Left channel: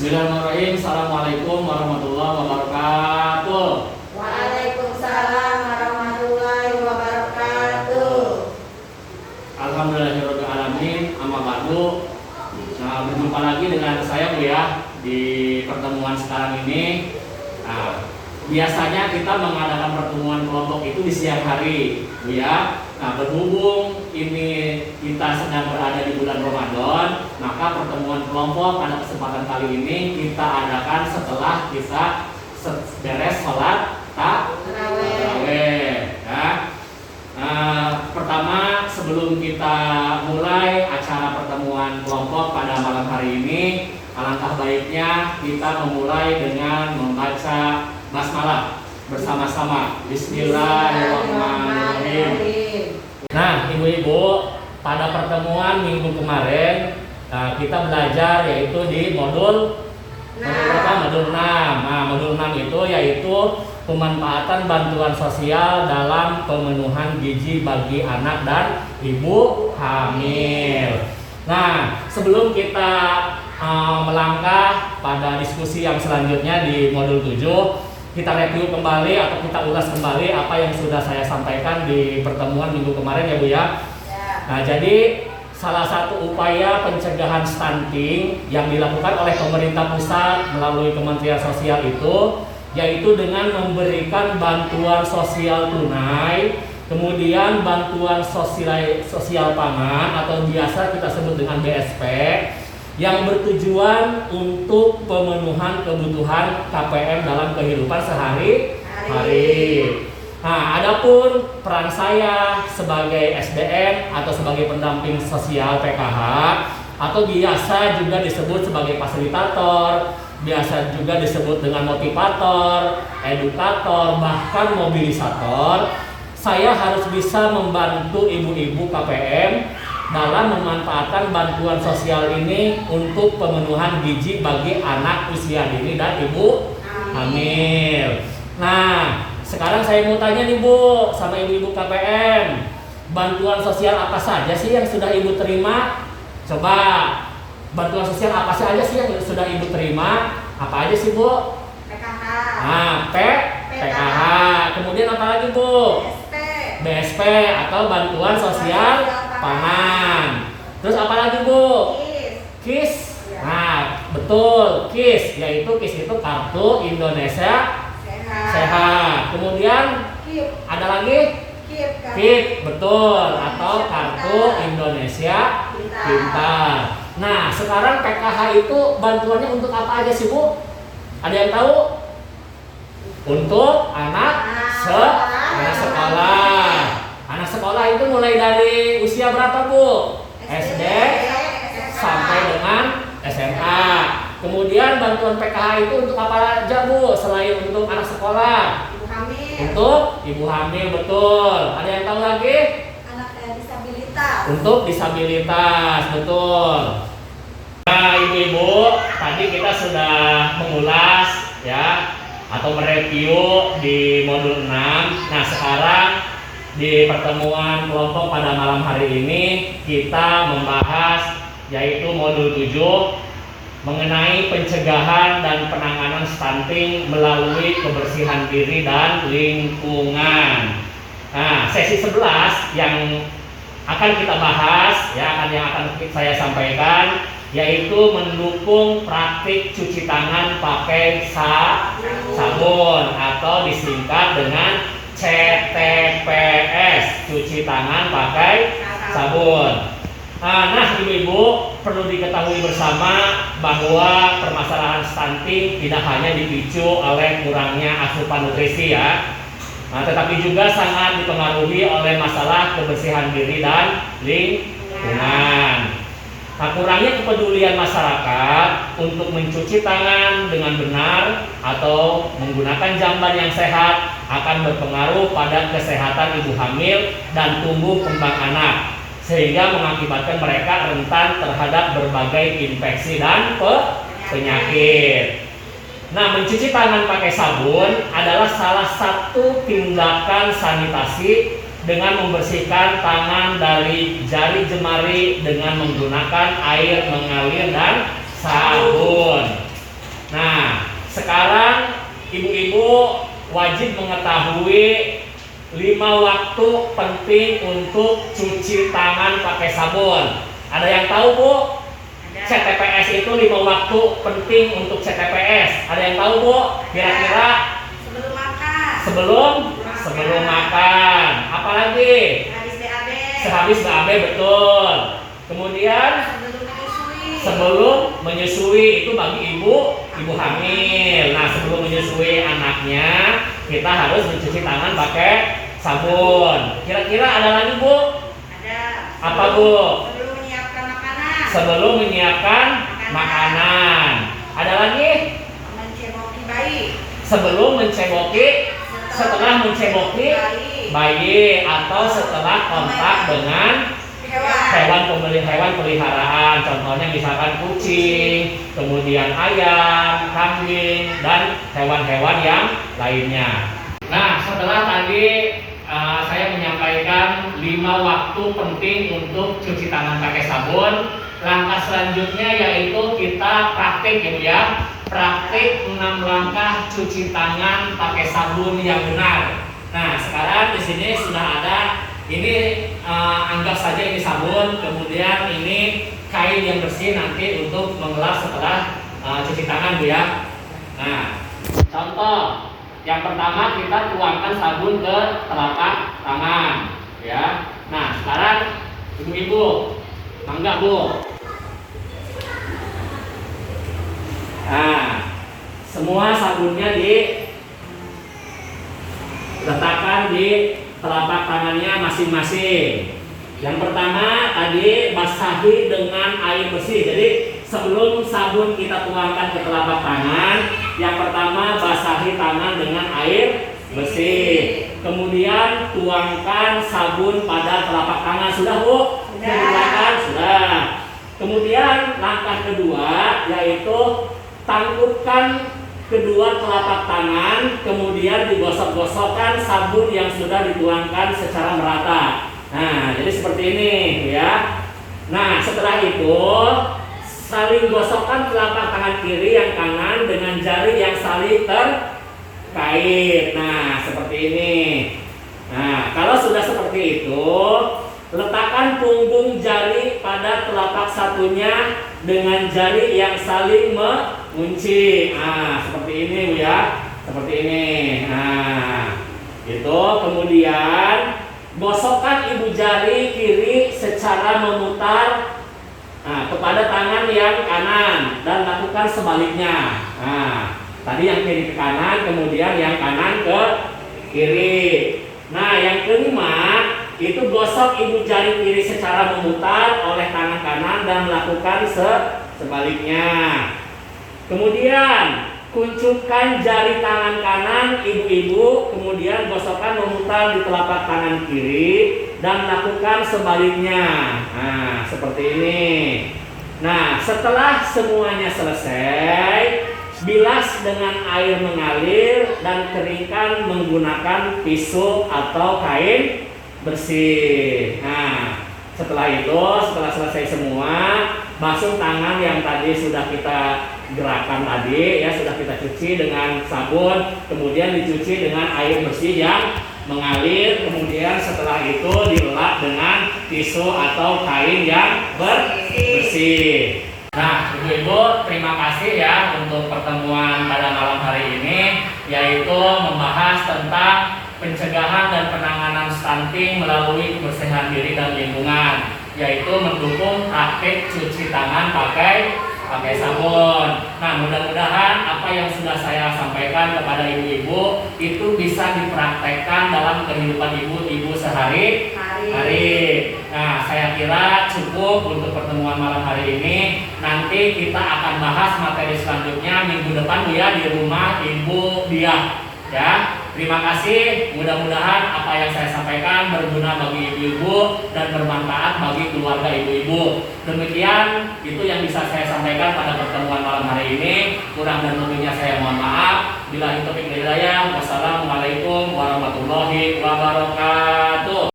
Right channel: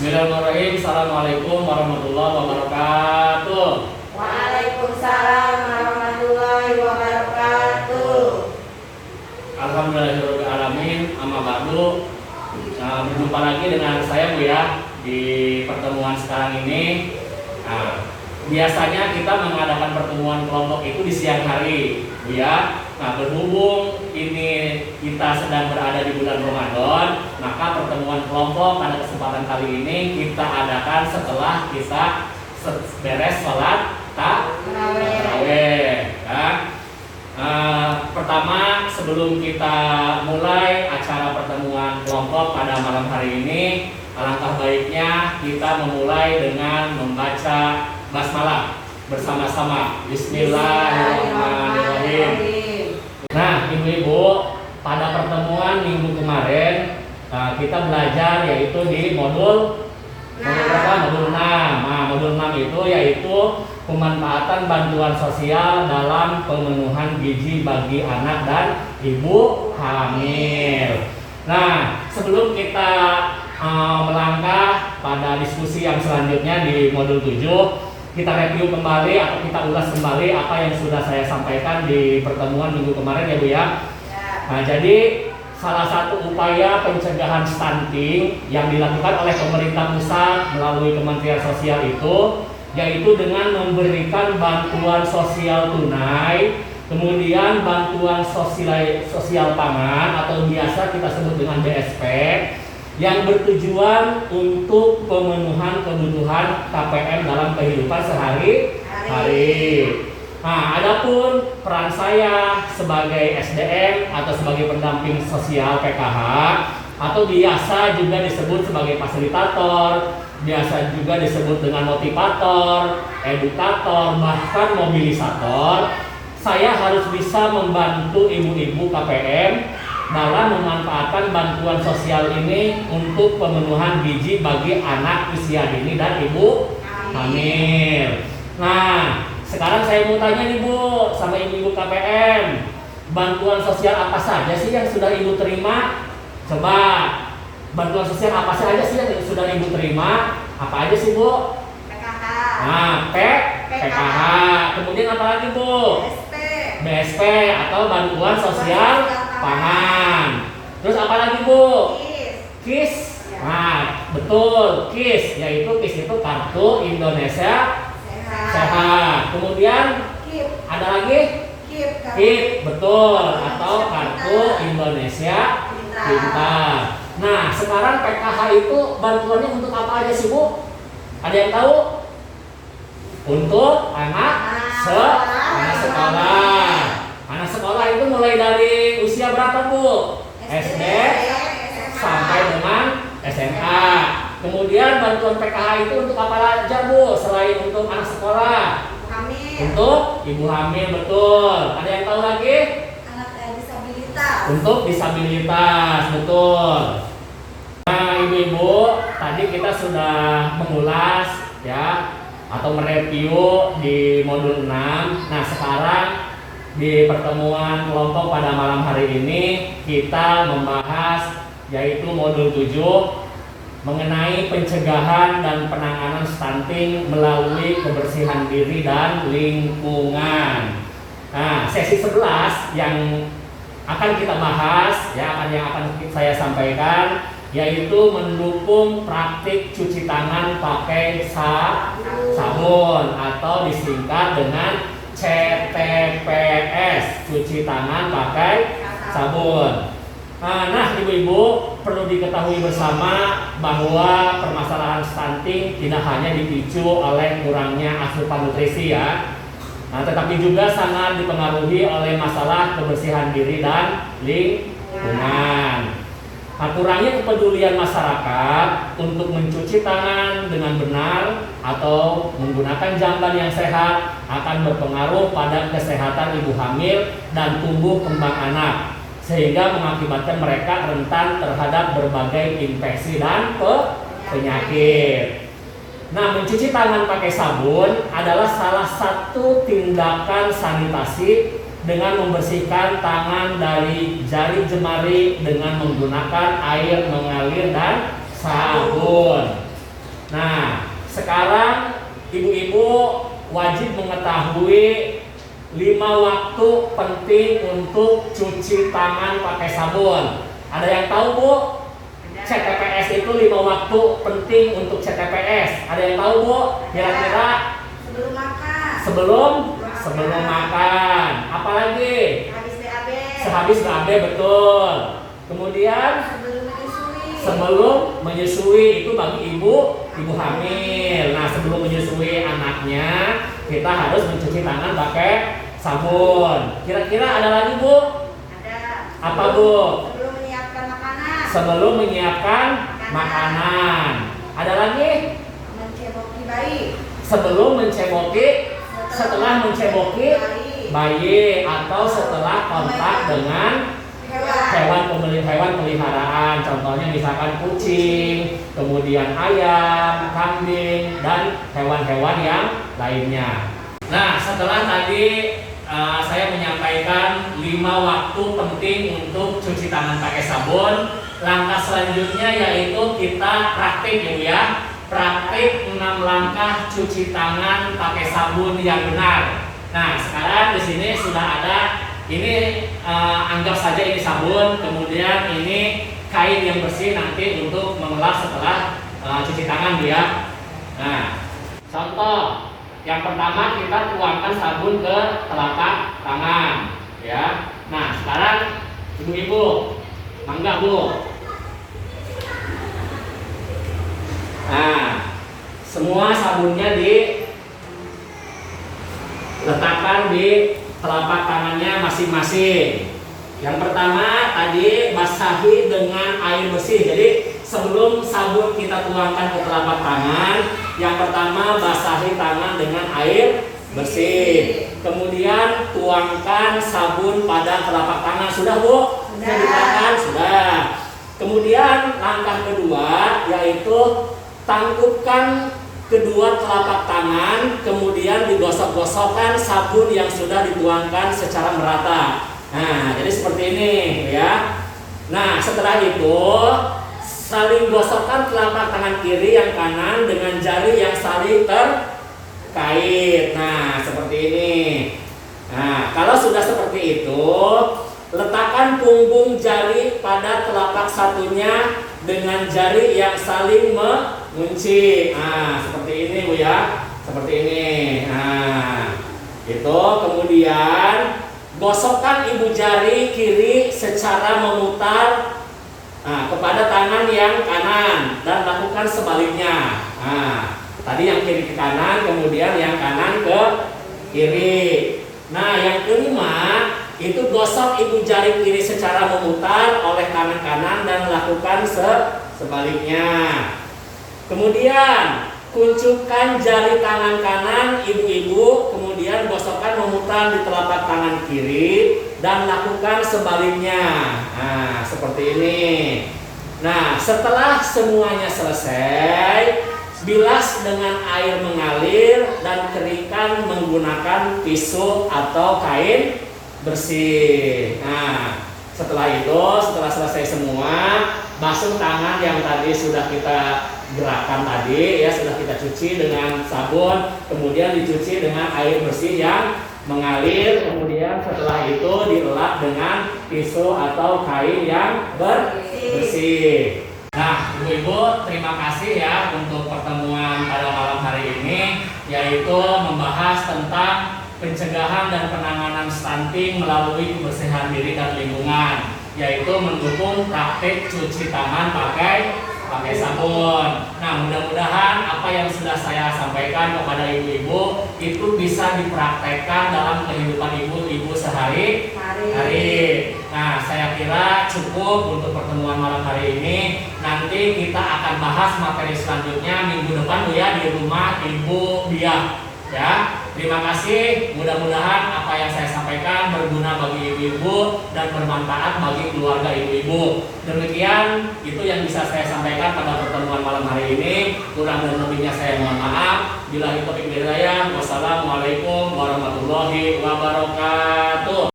Bismillahirrahmanirrahim. Assalamualaikum warahmatullahi wabarakatuh. Waalaikumsalam warahmatullahi wabarakatuh. Alhamdulillahirabbil alamin. Amma ba'du. Berjumpa lagi dengan saya Bu ya di pertemuan sekarang ini. Biasanya kita mengadakan pertemuan kelompok itu di siang hari Bu ya. Berhubung ini kita sedang berada di bulan Ramadan, maka pertemuan kelompok pada kesempatan kali ini kita adakan setelah kita beres sholat tarawih. Pertama, sebelum kita mulai acara pertemuan kelompok pada malam hari ini, alangkah baiknya kita memulai dengan membaca basmalah bersama-sama. Bismillahirrahmanirrahim. Nah, ibu-ibu, pada pertemuan minggu kemarin kita belajar yaitu di modul berapa? Modul 6. Nah, modul 6 itu yaitu pemanfaatan bantuan sosial dalam pemenuhan gizi bagi anak dan ibu hamil. Nah, sebelum kita melangkah pada diskusi yang selanjutnya di modul 7, kita review kembali atau kita ulas kembali apa yang sudah saya sampaikan di pertemuan minggu kemarin ya Bu ya. Nah, jadi salah satu upaya pencegahan stunting yang dilakukan oleh pemerintah pusat melalui Kementerian Sosial itu yaitu dengan memberikan bantuan sosial tunai, kemudian bantuan sosial pangan atau biasa kita sebut dengan BSP, yang bertujuan untuk pemenuhan kebutuhan KPM dalam kehidupan sehari-hari. Nah, adapun peran saya sebagai SDM atau sebagai pendamping sosial PKH atau biasa juga disebut sebagai fasilitator, biasa juga disebut dengan motivator, edukator, bahkan mobilisator, saya harus bisa membantu ibu-ibu KPM dalam memanfaatkan bantuan sosial ini untuk pemenuhan gizi bagi anak usia dini dan ibu hamil. Nah, sekarang saya mau tanya nih Bu, sama ibu-ibu KPM, bantuan sosial apa saja sih yang sudah ibu terima? Coba, bantuan sosial apa saja sih yang sudah ibu terima? Apa aja sih Bu? PKH. Nah, PKH. Kemudian apa lagi Bu? BSP atau bantuan sosial pangan. Terus apa lagi Bu? KIS. Nah, betul, KIS, yaitu KIS itu Kartu Indonesia Sehat. Kemudian ada lagi KIP, betul, atau Kartu Indonesia Pintar. Nah, sekarang PKH itu bantuannya untuk apa aja sih Bu? Ada yang tahu? Untuk anak sekolah. Anak sekolah itu mulai dari usia berapa Bu? SD sampai dengan SMA. Kemudian bantuan PKH itu untuk apa aja Bu? Selain untuk anak sekolah? Untuk ibu hamil, betul. Ada yang tahu lagi? Anak disabilitas. Untuk disabilitas, betul. Nah, ibu-ibu, tadi kita sudah mengulas ya atau mereview di modul 6. Nah, sekarang di pertemuan kelompok pada malam hari ini kita membahas yaitu modul 7 mengenai pencegahan dan penanganan stunting melalui kebersihan diri dan lingkungan. Nah, sesi 11 yang akan kita bahas ya, yang akan saya sampaikan yaitu mendukung praktik cuci tangan pakai sabun atau disingkat dengan CTPS, cuci tangan pakai sabun. Nah, ibu-ibu perlu diketahui bersama bahwa permasalahan stunting tidak hanya dipicu oleh kurangnya asupan nutrisi ya. Nah, tetapi juga sangat dipengaruhi oleh masalah kebersihan diri dan lingkungan. Nah, kurangnya kepedulian masyarakat untuk mencuci tangan dengan benar atau menggunakan jamban yang sehat akan berpengaruh pada kesehatan ibu hamil dan tumbuh kembang anak, sehingga mengakibatkan mereka rentan terhadap berbagai infeksi dan penyakit. Nah, mencuci tangan pakai sabun adalah salah satu tindakan sanitasi dengan membersihkan tangan dari jari jemari dengan menggunakan air mengalir dan sabun. Nah, sekarang ibu-ibu wajib mengetahui 5 waktu penting untuk cuci tangan pakai sabun. Ada yang tahu, Bu? CTPS itu 5 waktu penting untuk CTPS. Ada yang tahu, Bu? Kira-kira Sebelum makan. sebelum makan. Apalagi? Habis BAB. Sehabis BAB, betul. Kemudian Sebelum menyusui. sebelum menyusui itu bagi ibu hamil. Nah, sebelum menyusui anaknya kita harus mencuci tangan pakai sabun. Kira-kira ada lagi, Bu? Ada. Apa, Bu? Sebelum menyiapkan makanan. Sebelum menyiapkan makanan. Ada lagi? Menceboki bayi. Sebelum menceboki, setelah menceboki bayi, atau setelah kontak dengan hewan peliharaan. Contohnya misalkan kucing, kemudian ayam, kambing, dan hewan-hewan yang lainnya. Nah, setelah tadi saya menyampaikan 5 waktu penting untuk cuci tangan pakai sabun. Langkah selanjutnya yaitu kita praktik, ya Bu ya. Praktik 6 langkah cuci tangan pakai sabun yang benar. Nah, sekarang di sini sudah ada ini, anggap saja ini sabun, kemudian ini kain yang bersih nanti untuk mengelap setelah cuci tangan, Bu ya. Nah, contoh yang pertama kita tuangkan sabun ke telapak tangan, ya. Nah, sekarang ibu-ibu, mangga Bu. Nah, semua sabunnya diletakkan di telapak tangannya masing-masing. Yang pertama tadi basahi dengan air bersih. Jadi sebelum sabun kita tuangkan ke telapak tangan, yang pertama basahi tangan dengan air bersih. Kemudian tuangkan sabun pada telapak tangan. Sudah, Bu? Sudah. Sudah. Kemudian langkah kedua yaitu tangkupkan kedua telapak tangan, kemudian digosok-gosokkan sabun yang sudah dituangkan secara merata. Nah, jadi seperti ini, ya. Nah, setelah itu saling gosokkan telapak tangan kiri yang kanan dengan jari yang saling terkait. Nah, seperti ini. Nah, kalau sudah seperti itu, letakkan punggung jari pada telapak satunya dengan jari yang saling mengunci. Nah, seperti ini, Bu ya. Seperti ini. Nah, itu kemudian gosokkan ibu jari kiri secara memutar kepada tangan yang kanan dan lakukan sebaliknya. Nah, tadi yang kiri ke kanan, kemudian yang kanan ke kiri. Nah, yang kelima itu gosok ibu jari kiri secara memutar oleh tangan kanan dan melakukan sebaliknya. Kemudian kuncupkan jari tangan kanan ibu-ibu, kemudian gosokkan memutar di telapak tangan kiri dan lakukan sebaliknya. Nah, seperti ini. Nah, setelah semuanya selesai, bilas dengan air mengalir dan keringkan menggunakan tisu atau kain bersih. Nah, setelah selesai semua, basuh tangan yang tadi sudah kita gerakan tadi, ya, sudah kita cuci dengan sabun, kemudian dicuci dengan air bersih yang mengalir, kemudian setelah itu dilap dengan tisu atau kain yang bersih. Nah, ibu-ibu, terima kasih ya untuk pertemuan pada malam hari ini, yaitu membahas tentang pencegahan dan penanganan stunting melalui kebersihan diri dan lingkungan, yaitu mendukung praktik cuci tangan pakai sabun. Nah, mudah-mudahan apa yang sudah saya sampaikan kepada ibu-ibu itu bisa dipraktekkan dalam kehidupan ibu-ibu sehari-hari. Nah, saya kira cukup untuk pertemuan malam hari ini. Nanti kita akan bahas materi selanjutnya minggu depan, Bu ya, di rumah Ibu Diah. Ya, terima kasih. Mudah-mudahan apa yang saya sampaikan berguna bagi ibu-ibu dan bermanfaat bagi keluarga ibu-ibu. Demikian itu yang bisa saya sampaikan pada pertemuan malam hari ini. Kurang dan lebihnya saya mohon maaf. Billahi taufiq wal hidayah. Wassalamualaikum warahmatullahi wabarakatuh.